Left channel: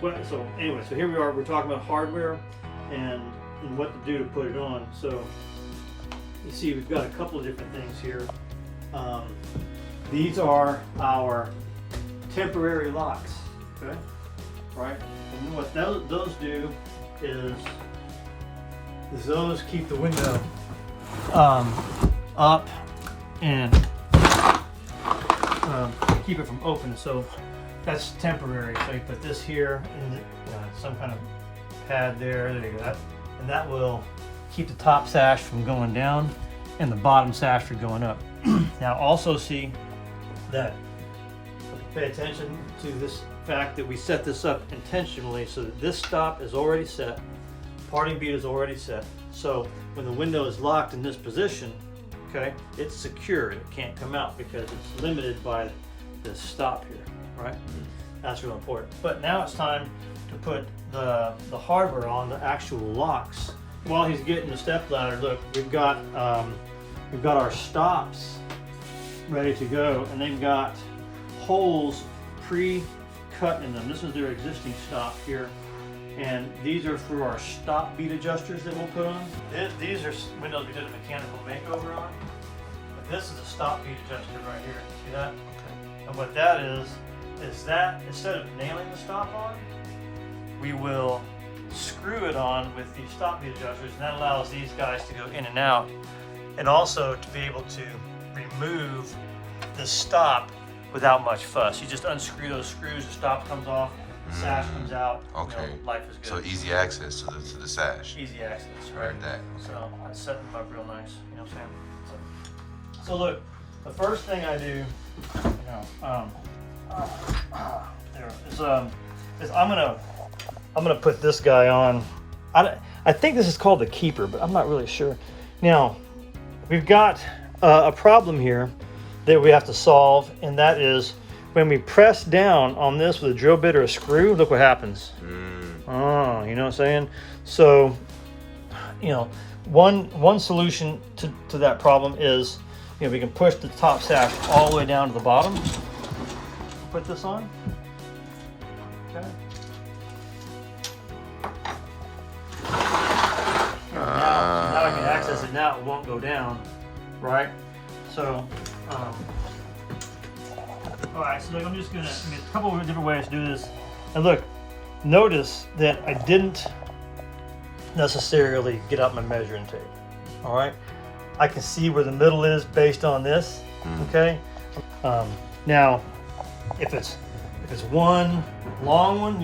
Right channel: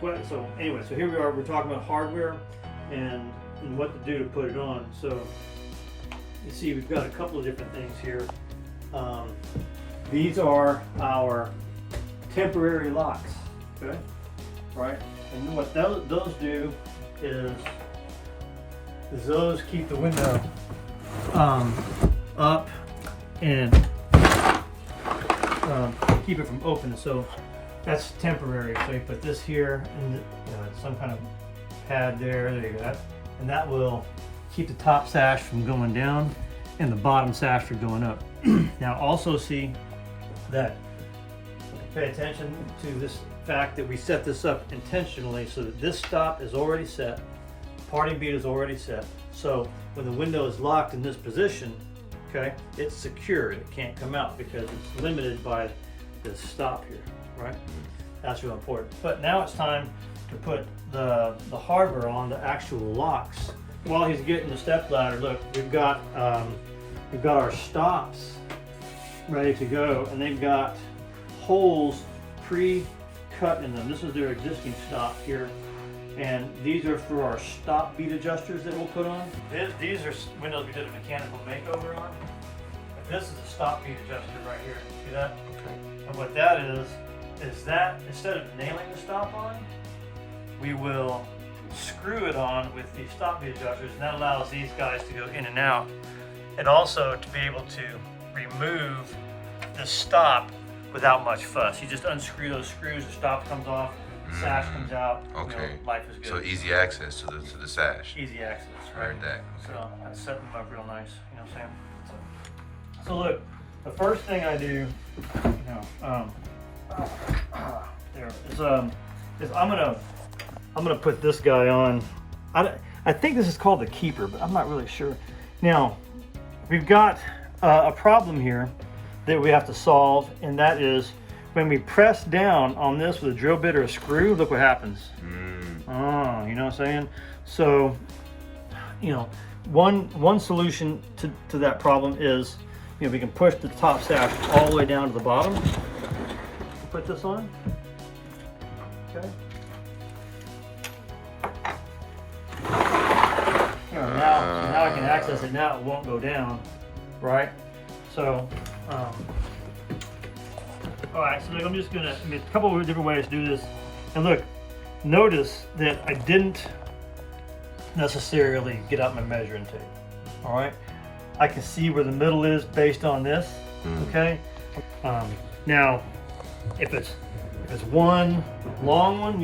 So anyway, so here we are. We're talking about hardware and what to do to put it on. So you see, we've got a couple of different things here. These are our temporary locks. Okay, right. And what those do is those keep the window up and keep it from opening. So that's temporary. So you put this here and some kind of pad there. There you go. And that will keep the top sash from going down and the bottom sash from going up. Now also see that, pay attention to this fact that we set this up intentionally so that this stop is already set, parting bead is already set. So when the window is locked in this position, okay, it's secured. It can't come out because it's limited by this stop here, right? That's real important. But now it's time to put the hardware on, the actual locks. While he's getting the step ladder, look, we've got our stops ready to go, and they've got holes pre-cut in them. This is their existing stop here, and these are for our stop bead adjusters that we'll put on. These are windows we did a mechanical makeover on. But this is a stop bead adjuster right here. See that? Okay. And what that is that instead of nailing the stop on, we will screw it on with the stop bead adjusters, and that allows these guys to go in and out, and also to be able to remove the stop without much fuss. You just unscrew those screws, the stop comes off, the sash comes out. Okay. You know, life is good. So easy access to the sash. Easy access, right? Heard that. So I set them up real nice. You know what I'm saying? So look, the first thing I do, is I'm gonna put this guy on. I think this is called the keeper, but I'm not really sure. Now, we've got a problem here that we have to solve, and that is when we press down on this with a drill bit or a screw, look what happens. Oh, you know what I'm saying? So, one solution to that problem is, we can push the top sash all the way down to the bottom. Put this on. Okay. Now I can access it. Now it won't go down, right? So, all right. So look, I'm just gonna. A couple of different ways to do this. And look, notice that I didn't necessarily get out my measuring tape. All right. I can see where the middle is based on this. Okay. Now, if it's one long one,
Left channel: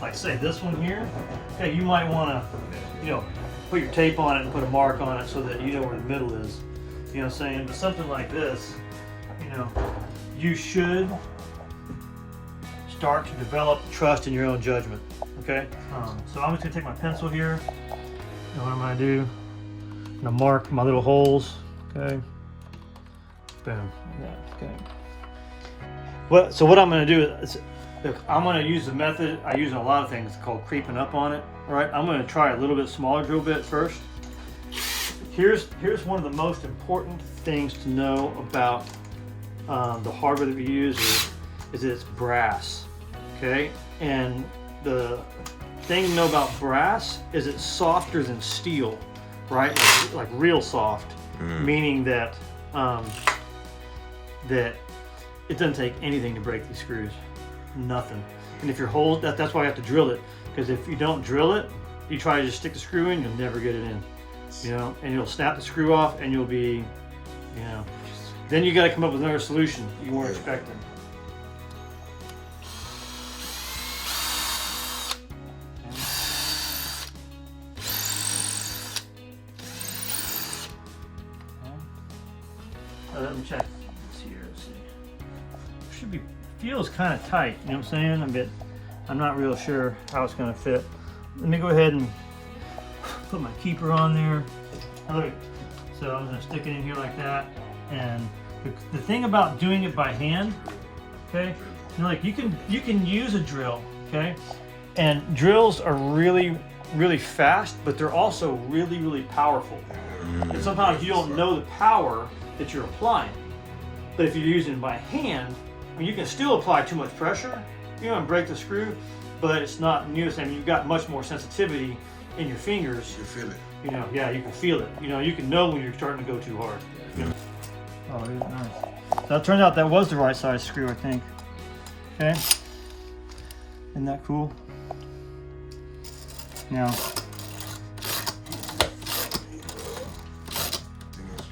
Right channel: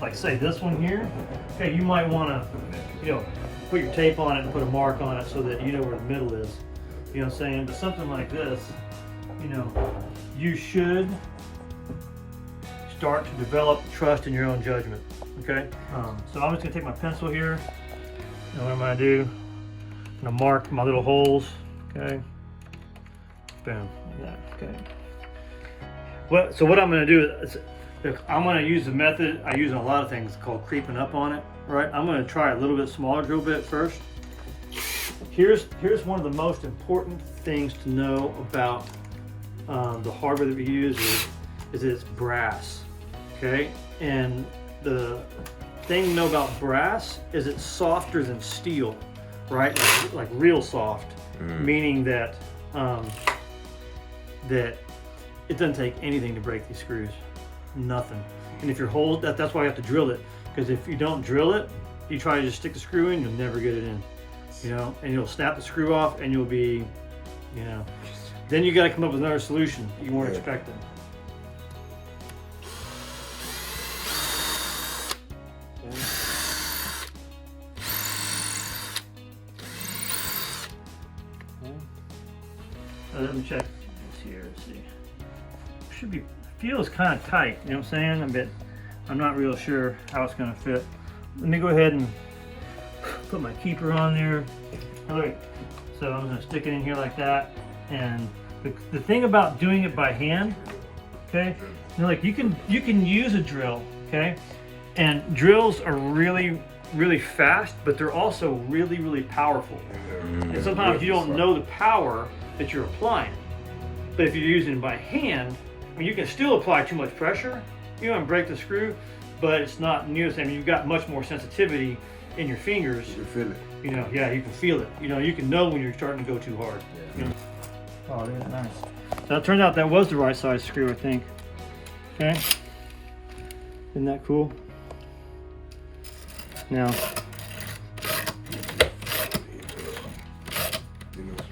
like say this one here, okay, you might want to, put your tape on it and put a mark on it so that you know where the middle is. You know what I'm saying? But something like this, you should start to develop trust in your own judgment. Okay. So I'm just gonna take my pencil here, and what I'm gonna do, I'm gonna mark my little holes. Okay. Boom. Okay. So what I'm going to do is, I'm going to use a method I use in a lot of things called creeping up on it. All right, I'm going to try a little bit smaller drill bit first. Here's one of the most important things to know about the hardware that we use is it's brass. Okay, and the thing to know about brass is it's softer than steel, right? Like real soft, meaning that that it doesn't take anything to break these screws, nothing. And if you're that's why you have to drill it, because if you don't drill it, you try to just stick the screw in, you'll never get it in, and you'll snap the screw off, and you'll be, then you got to come up with another solution you weren't expecting. Let me check this here. Let's see. Feels kind of tight. You know what I'm saying? I'm not real sure how it's going to fit. Let me go ahead and put my keeper on there. Look, so I'm going to stick it in here like that. And the thing about doing it by hand, okay? Like you can use a drill, okay? And drills are really, really fast, but they're also really, really powerful. And sometimes you don't know the power that you're applying. But if you're using it by hand, you can still apply too much pressure, and break the screw, but it's not near the same. You've got much more sensitivity in your fingers. You feel it. You know, yeah, you can feel it. You know, you can know when you're starting to go too hard. Yeah. Oh, it is nice. So it turns out that was the right size screw, I think. Okay. Isn't that cool? Now.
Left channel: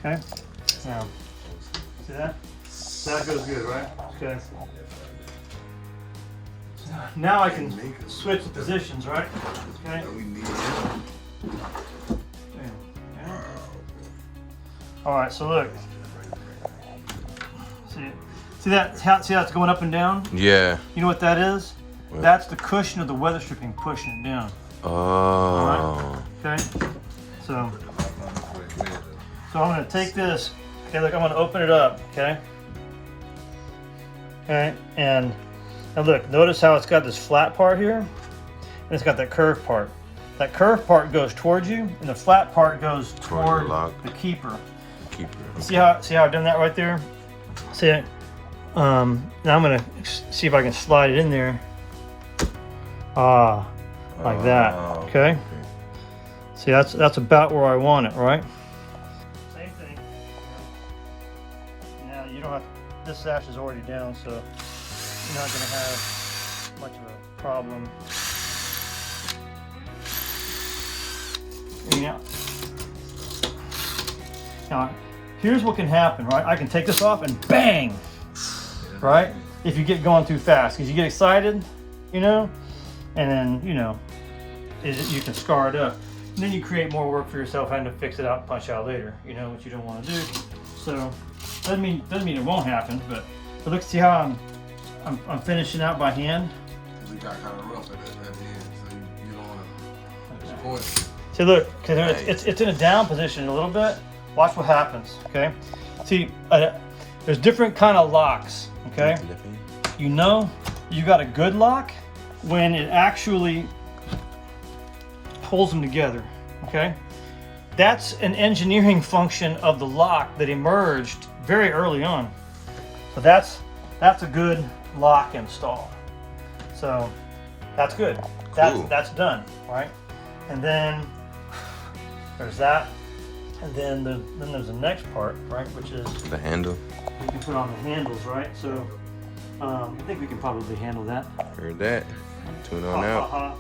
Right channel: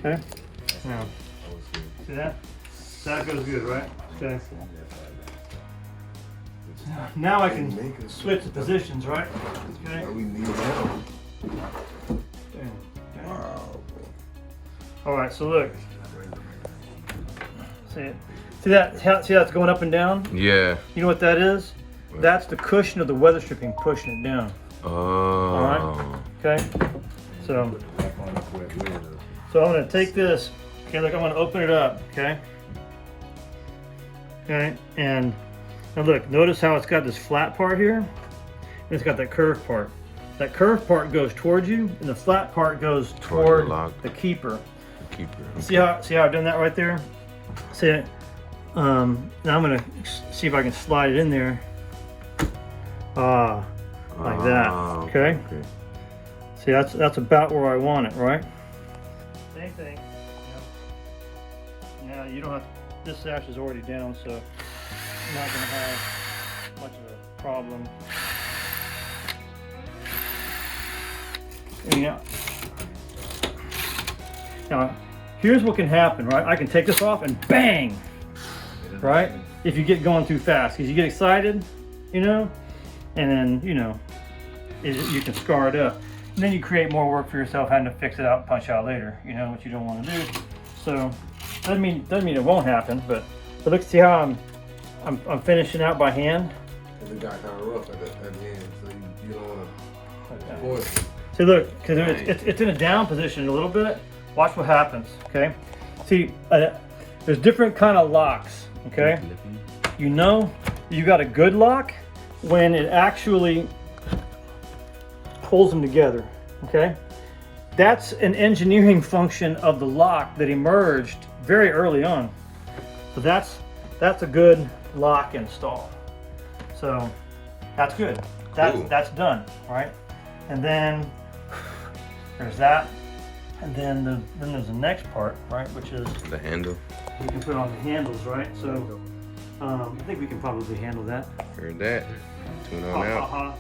Okay. Now. See that? That goes good, right? Okay. Now I can switch the positions, right? Okay. All right. So look. See it? See that? See how it's going up and down? Yeah. You know what that is? That's the cushion of the weather stripping pushing it down. Oh. Okay. So I'm gonna take this. Okay, look, I'm gonna open it up. Okay. Okay, and look, notice how it's got this flat part here, and it's got that curved part. That curved part goes towards you, and the flat part goes toward the keeper. The keeper. Okay. See how I've done that right there? See it? Now I'm gonna see if I can slide it in there. Like that. Okay. See, that's about where I want it, right? Same thing. Yeah, you don't have. This sash is already down, so you're not gonna have much of a problem. Yeah. Now, here's what can happen, right? I can take this off and bang, right? If you get going too fast, because you get excited, you know, and then, you know, you can scar it up. And then you create more work for yourself having to fix it out and punch out later, you know, which you don't want to do. So, doesn't mean it won't happen, but look, see how I'm finishing out by hand? It got kind of rough at the end, so you don't want to point. See, look, because it's in a down position a little bit. Watch what happens, okay? See, there's different kind of locks, okay? You know you got a good lock when it actually pulls them together, okay? That's an engineering function of the lock that emerged very early on. So that's a good lock install. So that's good. That's done, all right? And then there's that. And then there's the next part, right? Which is the handle. we can put on the handles, right? So I think we can probably handle that. Heard that. Tune on out.